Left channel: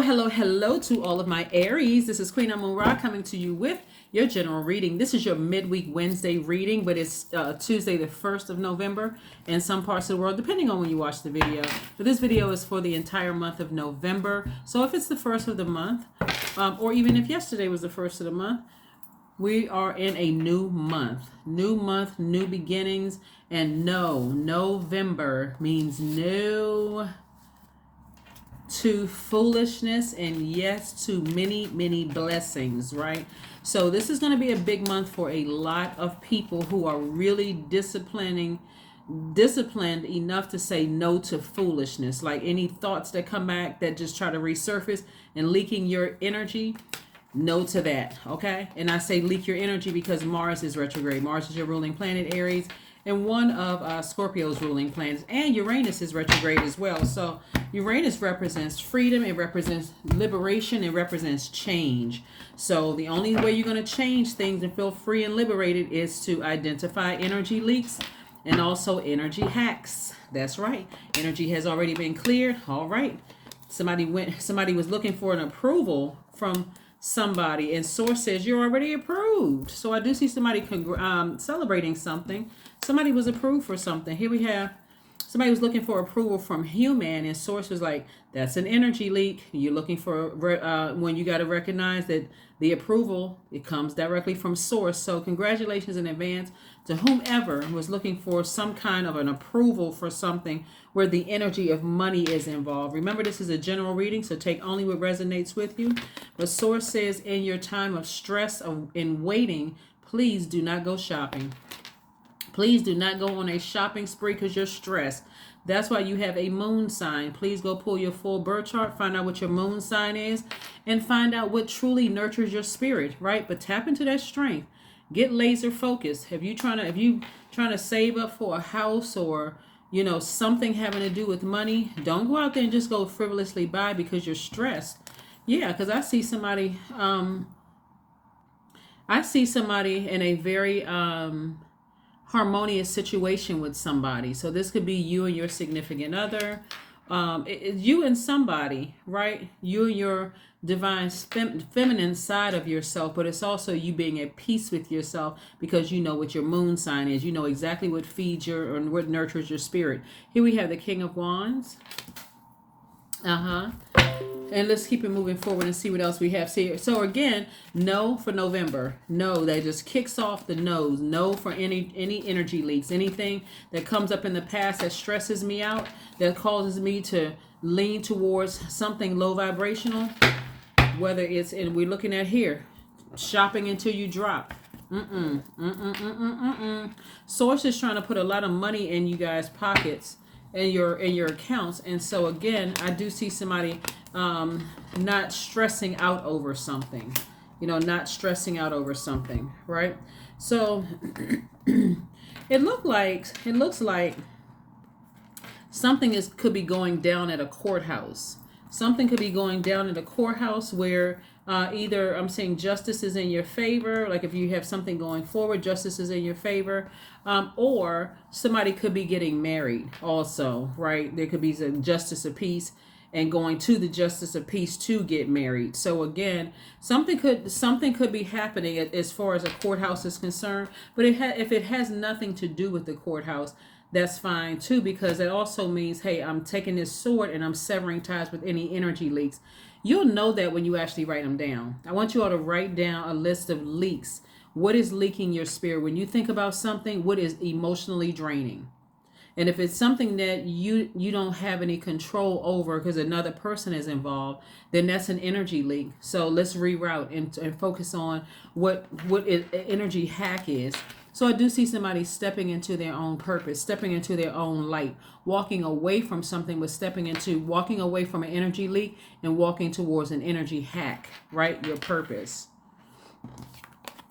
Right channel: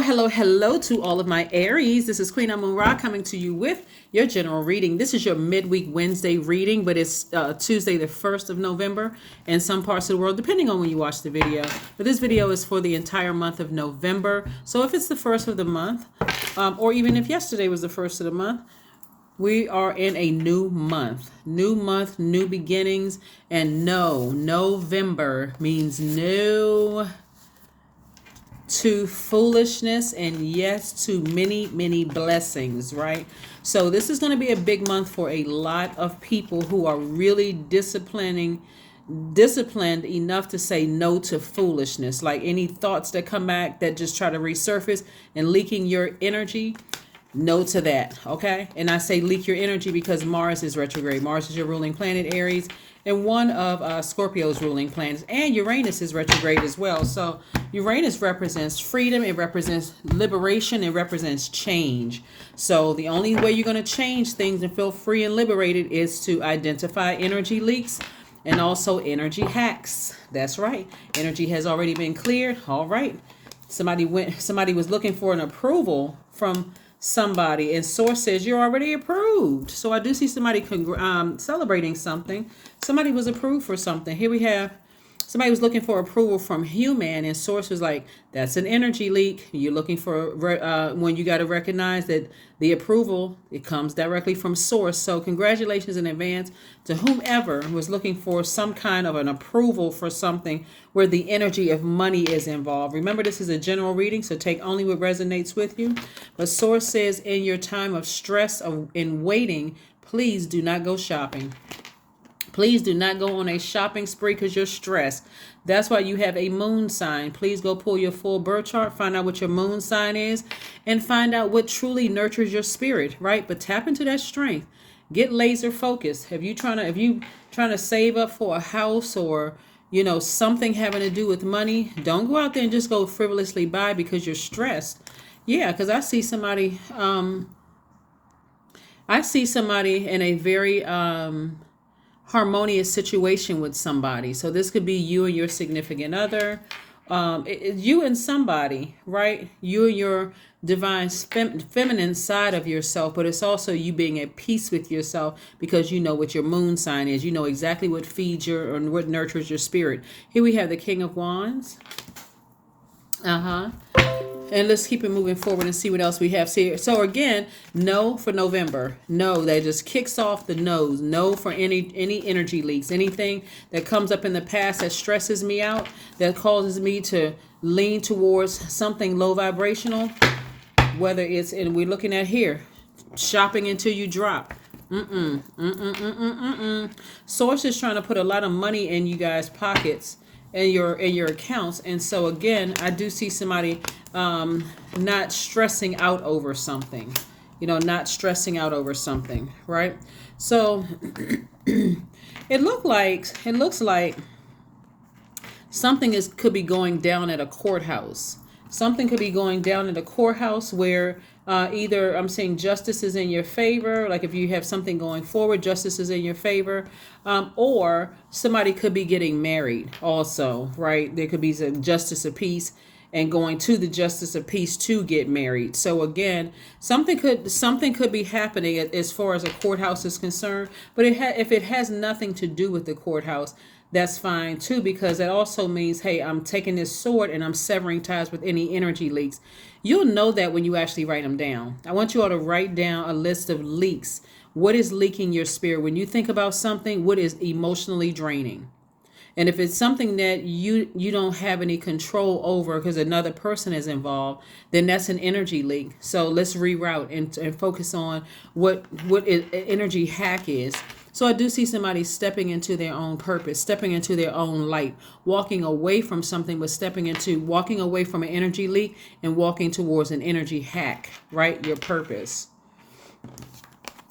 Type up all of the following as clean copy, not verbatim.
Hello to all of my Aries. This is Queen Amun Ra coming to you with your general reading. This is your midweek Wednesday reading, but it's Tuesday the 1st of November in some parts of the world, depending on when you watch the video. But this video is for the entire month of November. So if it's the first of the month, or even if yesterday was the first of the month, we are in a new month, new beginnings. And November means no to foolishness and yes to many blessings, right? So this is going to be a big month for a lot of people who are really disciplined enough to say no to foolishness, like any thoughts that come back that just try to resurface and leaking your energy. No to that, okay? And I say leak your energy because Mars is retrograde. Mars is your ruling planet, Aries, and one of Scorpio's ruling planets, and Uranus is retrograde as well. So Uranus represents freedom, it represents liberation, it represents change. So the only way you're going to change things and feel free and liberated is to identify energy leaks and also energy hacks. That's right. Energy has already been cleared. All right. Somebody was looking for an approval from somebody, and source says you're already approved. So I do see somebody celebrating something. Somebody was approved for something. Here we have somebody was looking for approval from human, and source was like, that's an energy leak. You're looking for when you got to recognize that the approval, it comes directly from source. So congratulations in advance to whomever was looking for some kind of an approval for something where the energy of money is involved. Remember, this is a general reading, so take only what resonates with you. But source says, in your time of stress in waiting, please do not go shopping. Please do not go on a shopping spree because you're stressed. That's why you have a moon sign. Please go pull your full birth chart, find out what your moon sign is, and find out what truly nurtures your spirit, right? But tap into that strength. Get laser focused. If you trying to save up for a house or something having to do with money, don't go out there and just go frivolously buy because you're stressed. Yeah, because I see somebody in a very harmonious situation with somebody. So this could be you and your significant other, you and somebody, right? You and your divine feminine side of yourself, but it's also you being at peace with yourself because you know what your moon sign is. You know exactly what feeds your and what nurtures your spirit. Here we have the King of Wands. And let's keep it moving forward and see what else we have here. So again, no for November. No, that just kicks off the no's. No for any energy leaks. Anything that comes up in the past that stresses me out, that causes me to lean towards something low vibrational. Whether it's, and we're looking at here, shopping until you drop. Source is trying to put a lot of money in you guys' pockets and your accounts. And so again, I do see somebody not stressing out over something, not stressing out over something, right? So it looks like something could be going down at a courthouse. Something could be going down at a courthouse where either I'm seeing justice is in your favor, like if you have something going forward, justice is in your favor, or somebody could be getting married also, right? There could be some justice of peace and going to the justice of peace to get married. So again, something could be happening as far as a courthouse is concerned, but if it has nothing to do with the courthouse, that's fine too, because it also means, hey, I'm taking this sword and I'm severing ties with any energy leaks. You'll know that when you actually write them down. I want you all to write down a list of leaks. What is leaking your spirit? When you think about something, what is emotionally draining? And if it's something that you don't have any control over because another person is involved, then that's an energy leak. So let's reroute and focus on what energy hack is. So I do see somebody stepping into their own purpose, stepping into their own light, walking away from something, but walking away from an energy leak and walking towards an energy hack, right? Your purpose.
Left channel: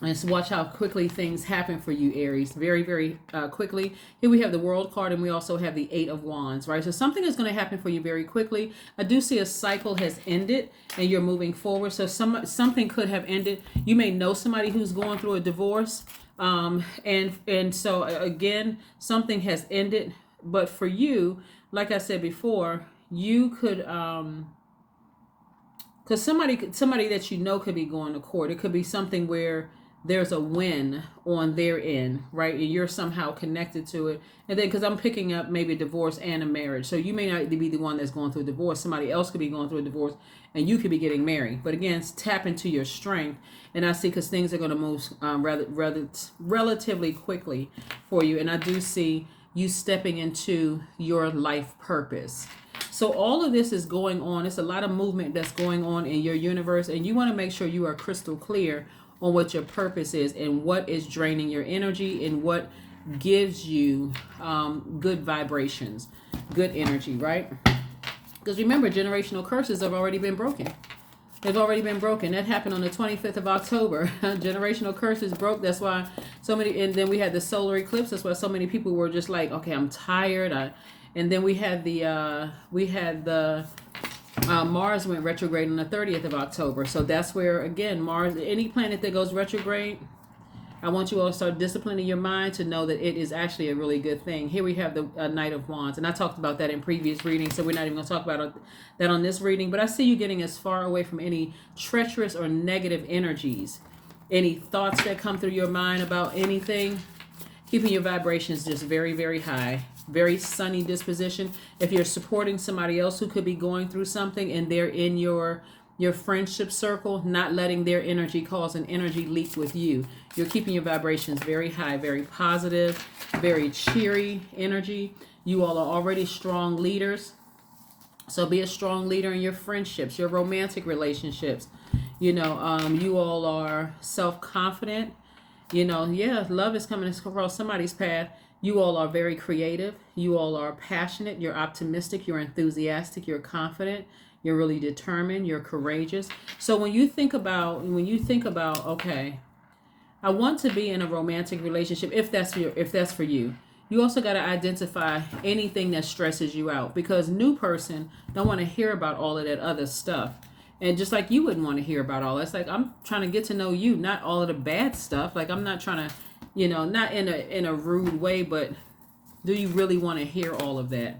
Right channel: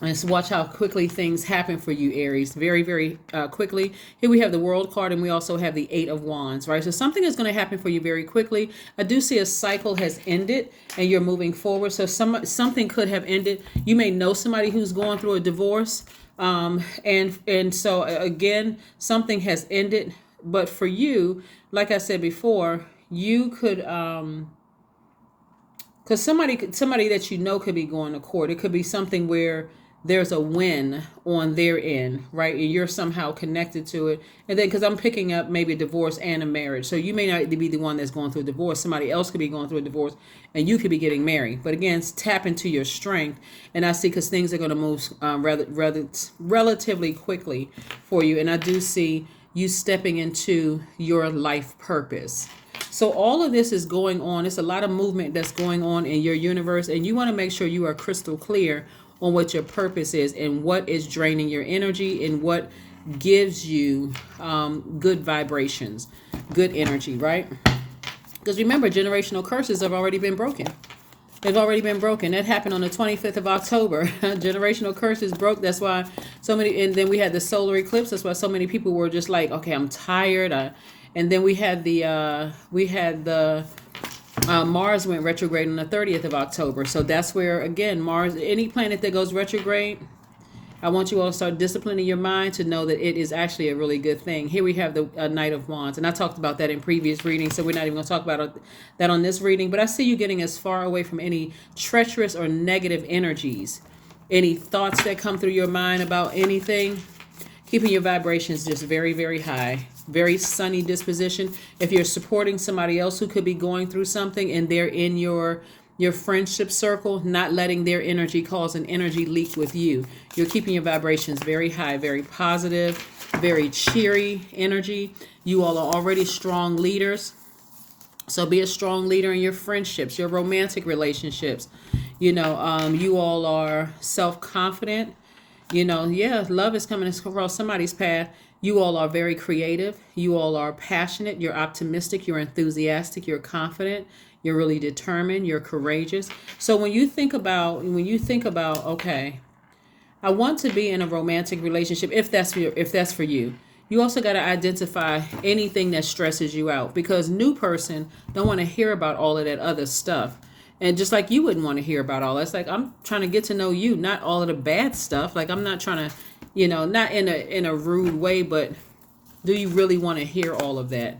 And so watch how quickly things happen for you, Aries. Very, very quickly. Here we have the World card, and we also have the Eight of Wands, right? So something is going to happen for you very quickly. I do see a cycle has ended, and you're moving forward. So something could have ended. You may know somebody who's going through a divorce. And so again, something has ended, but for you, like I said before, you could because somebody that you know could be going to court. It could be something where there's a win on their end, right? And you're somehow connected to it. And then, because I'm picking up maybe a divorce and a marriage. So you may not be the one that's going through a divorce. Somebody else could be going through a divorce and you could be getting married. But again, tap into your strength. And I see, because things are going to move relatively quickly for you. And I do see you stepping into your life purpose. So all of this is going on. It's a lot of movement that's going on in your universe. And you want to make sure you are crystal clear on what your purpose is and what is draining your energy and what gives you good vibrations, good energy, right? Because remember, generational curses have already been broken. They've already been broken. That happened on the 25th of October. Generational curses broke. That's why so many, and then we had the solar eclipse. That's why so many people were just like, okay, I'm tired. And then we had the Mars went retrograde on the 30th of October. So that's where, again, Mars, any planet that goes retrograde, I want you all to start disciplining your mind to know that it is actually a really good thing. Here we have the Knight of Wands. And I talked about that in previous readings, so we're not even going to talk about that on this reading. But I see you getting as far away from any treacherous or negative energies. Any thoughts that come through your mind about anything. Keeping your vibrations just very, very high. Very sunny disposition. If you're supporting somebody else who could be going through something and they're in your friendship circle, not letting their energy cause an energy leak with you. You're keeping your vibrations very high, very positive, very cheery energy. You all are already strong leaders. So be a strong leader in your friendships, your romantic relationships. You all are self-confident. Love is coming across somebody's path. You all are very creative. You all are passionate. You're optimistic. You're enthusiastic. You're confident. You're really determined. You're courageous. So when you think about, okay, I want to be in a romantic relationship, if that's for you, you also got to identify anything that stresses you out, because new person don't want to hear about all of that other stuff. And just like you wouldn't want to hear about all that. It's like, I'm trying to get to know you, not all of the bad stuff. Like, I'm not trying to, not in a rude way, but do you really want to hear all of that?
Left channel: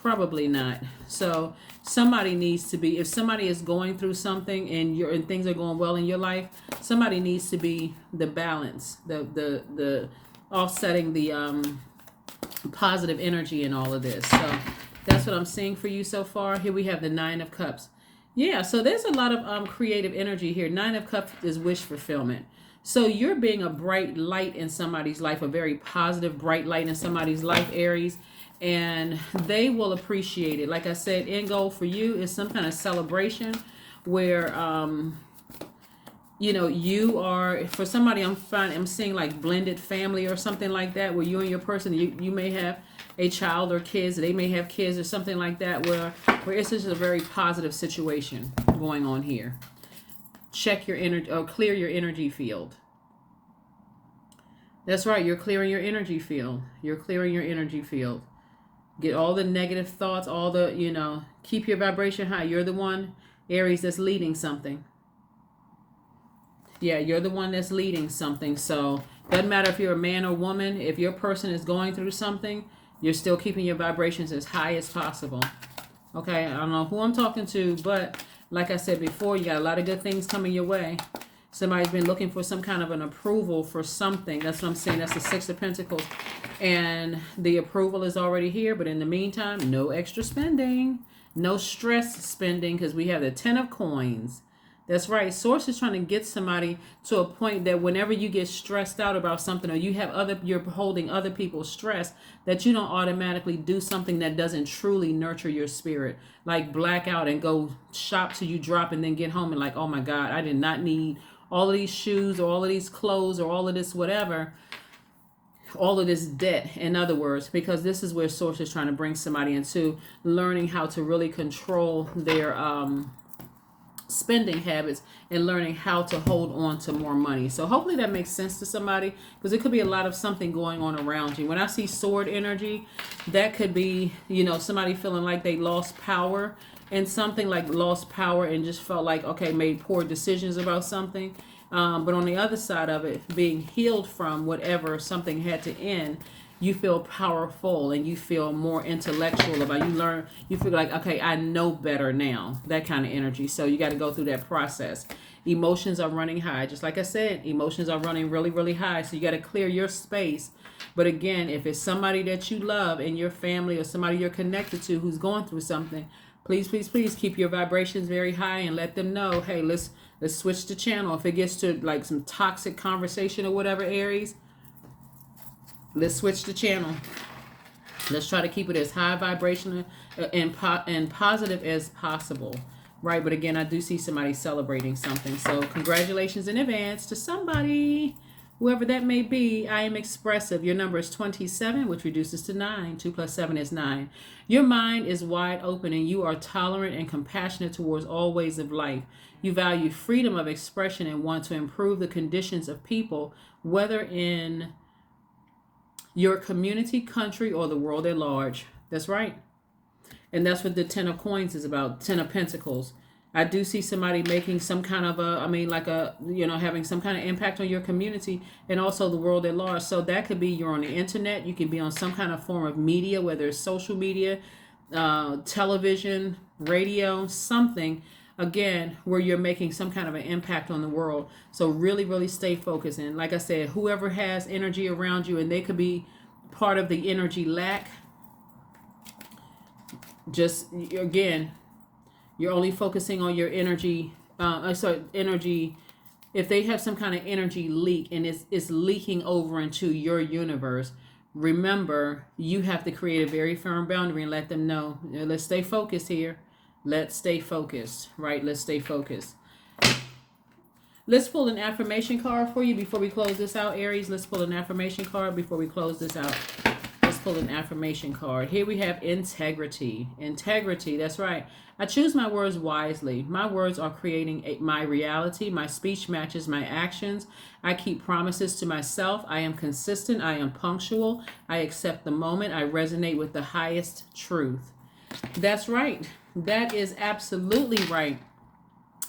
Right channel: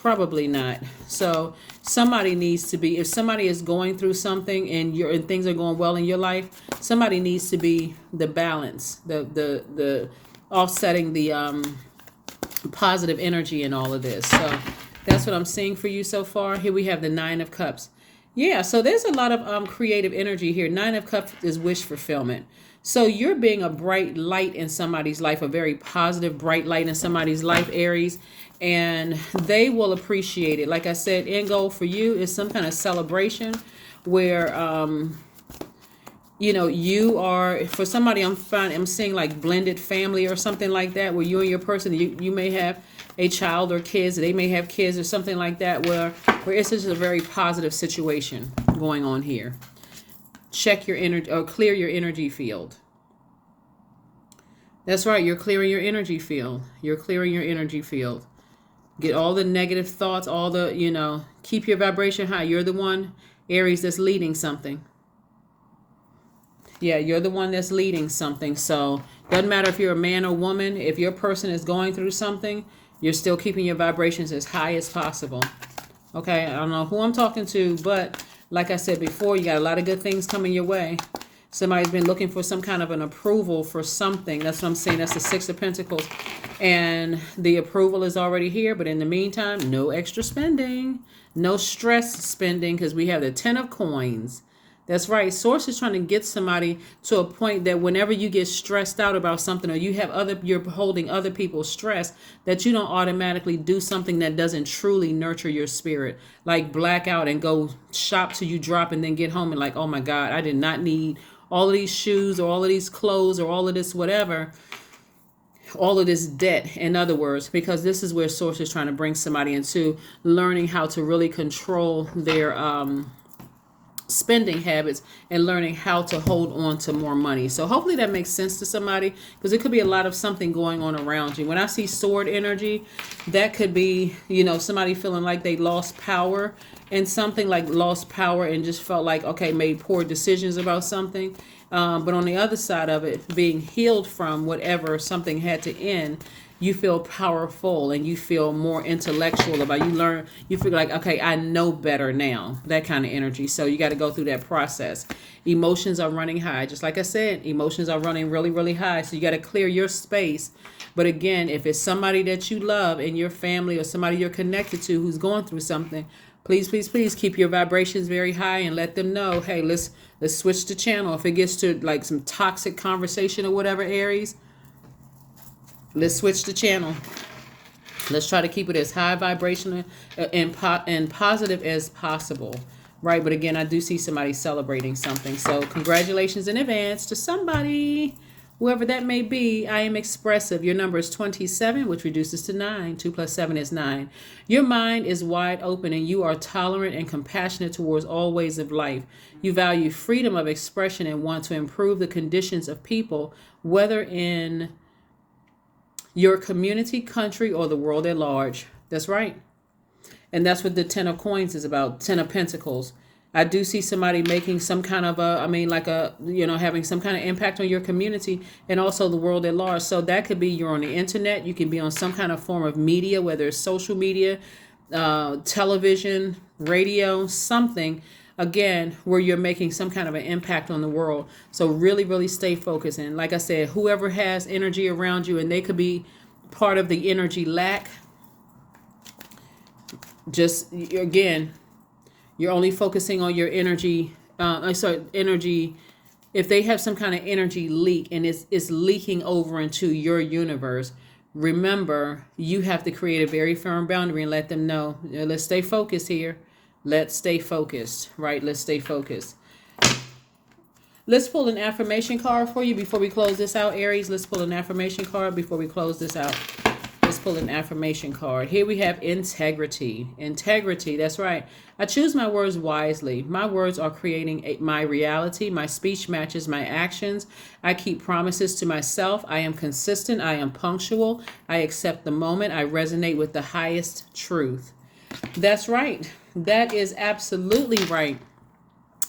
Probably not. So somebody needs to be, if somebody is going through something and things are going well in your life, somebody needs to be the balance, the offsetting the positive energy in all of this. So that's what I'm seeing for you so far. Here we have the Nine of Cups. Yeah, so there's a lot of creative energy here. Nine of Cups is wish fulfillment. So you're being a bright light in somebody's life, a very positive, bright light in somebody's life, Aries, and they will appreciate it. Like I said, end goal for you is some kind of celebration where, you are, for somebody I'm seeing like blended family or something like that, where you and your person, you may have a child or kids, they may have kids or something like that, where it's just a very positive situation going on here. Check your energy, or clear your energy field. That's right, you're clearing your energy field. You're clearing your energy field. Get all the negative thoughts, all the, keep your vibration high. You're the one, Aries, that's leading something. Yeah, you're the one that's leading something. So doesn't matter if you're a man or woman, if your person is going through something, you're still keeping your vibrations as high as possible. Okay, I don't know who I'm talking to, but like I said before, you got a lot of good things coming your way. Somebody's been looking for some kind of an approval for something. That's what I'm saying. That's the Six of Pentacles. And the approval is already here. But in the meantime, no extra spending. No stress spending, because we have the Ten of Coins. That's right. Source is trying to get somebody to a point that whenever you get stressed out about something, or you're holding other people's stress, that you don't automatically do something that doesn't truly nurture your spirit. Like black out and go shop till you drop and then get home and like, oh my God, I did not need all of these shoes or all of these clothes or all of this whatever, all of this debt, in other words, because this is where Source is trying to bring somebody into learning how to really control their spending habits and learning how to hold on to more money. So hopefully that makes sense to somebody, because it could be a lot of something going on around you. When I see sword energy, that could be, somebody feeling like they lost power and something, like lost power and just felt like, okay, made poor decisions about something. But on the other side of it, being healed from whatever something had to end, you feel powerful and you feel more intellectual about, you feel like, okay, I know better now, that kind of energy. So you got to go through that process. Emotions are running high, just like I said, emotions are running really, really high. So you got to clear your space. But again, if it's somebody that you love in your family or somebody you're connected to who's going through something, please, please, please keep your vibrations very high and let them know, hey, let's switch the channel. If it gets to like some toxic conversation or whatever, Aries, let's switch the channel. Let's try to keep it as high vibrational and positive as possible. Right? But again, I do see somebody celebrating something. So congratulations in advance to somebody, whoever that may be. I am expressive. Your number is 27, which reduces to 9. 2 plus 7 is 9. Your mind is wide open and you are tolerant and compassionate towards all ways of life. You value freedom of expression and want to improve the conditions of people, whether in your community, country, or the world at large. That's right. And that's what the 10 of coins is about, 10 of pentacles. I do see somebody making some kind of having some kind of impact on your community and also the world at large. So that could be you're on the internet. You can be on some kind of form of media, whether it's social media, television, radio, something, again, where you're making some kind of an impact on the world. So really, really stay focused. And like I said, whoever has energy around you and they could be part of the energy lack, just again, you're only focusing on your energy. Energy. If they have some kind of energy leak and it's leaking over into your universe, remember you have to create a very firm boundary and let them know. Let's stay focused here. Let's stay focused. Right? Let's stay focused. Let's pull an affirmation card for you before we close this out, Aries. Let's pull an affirmation card before we close this out. Pull an affirmation card. Here we have integrity. Integrity, that's right. I choose my words wisely. My words are creating my reality. My speech matches my actions. I keep promises to myself. I am consistent. I am punctual. I accept the moment. I resonate with the highest truth. That's right. That is absolutely right.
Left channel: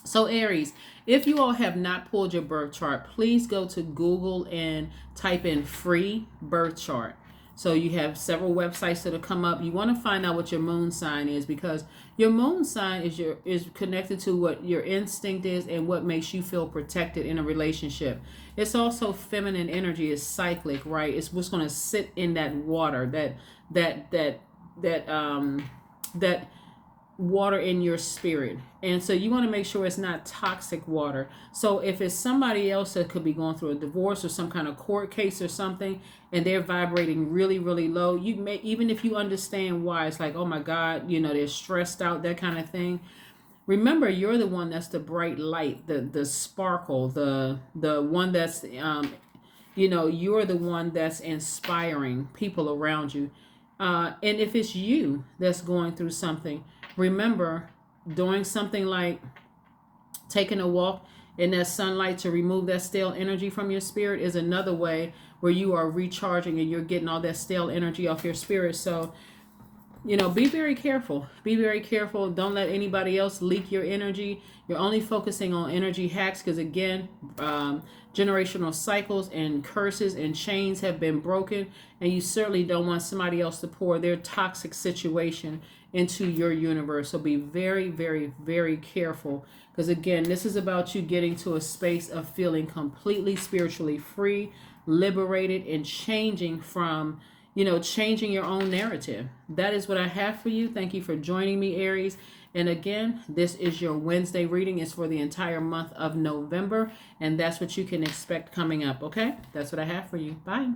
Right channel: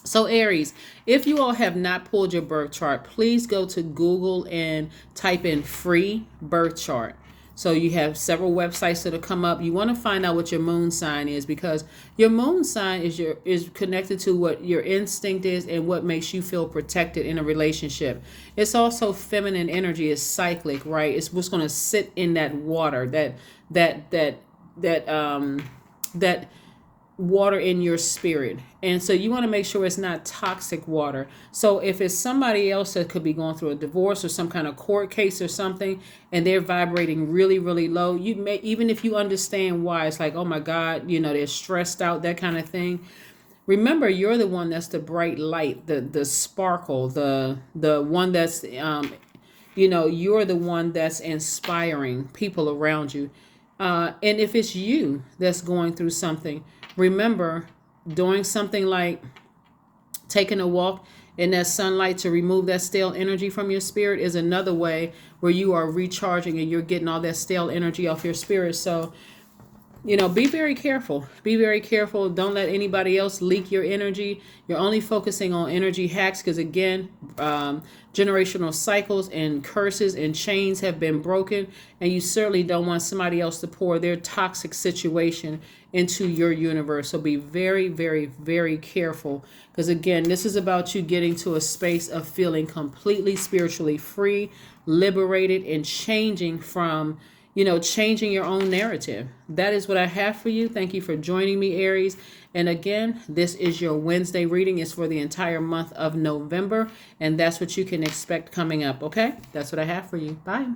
So Aries, if you all have not pulled your birth chart, please go to Google and type in free birth chart. So you have several websites that'll come up. You want to find out what your moon sign is, because your moon sign is connected to what your instinct is and what makes you feel protected in a relationship. It's also feminine energy, is cyclic, right? It's what's going to sit in that water, that water in your spirit. And so you want to make sure it's not toxic water. So if it's somebody else that could be going through a divorce or some kind of court case or something, and they're vibrating really, really low, you may, even if you understand why, it's like, oh my God, they're stressed out, that kind of thing. Remember, you're the one that's the bright light, the sparkle, the one that's, you're the one that's inspiring people around you. And if it's you that's going through something, remember, doing something like taking a walk in that sunlight to remove that stale energy from your spirit is another way where you are recharging and you're getting all that stale energy off your spirit. So, be very careful. Be very careful. Don't let anybody else leak your energy. You're only focusing on energy hacks because, again, generational cycles and curses and chains have been broken, and you certainly don't want somebody else to pour their toxic situation into your universe. So be very, very, very careful, because again, this is about you getting to a space of feeling completely spiritually free, liberated, and changing from, changing your own narrative. That is what I have for you. Thank you for joining me, Aries. And again, this is your Wednesday reading. It's for the entire month of November, and that's what you can expect coming up. Okay, that's what I have for you. Bye.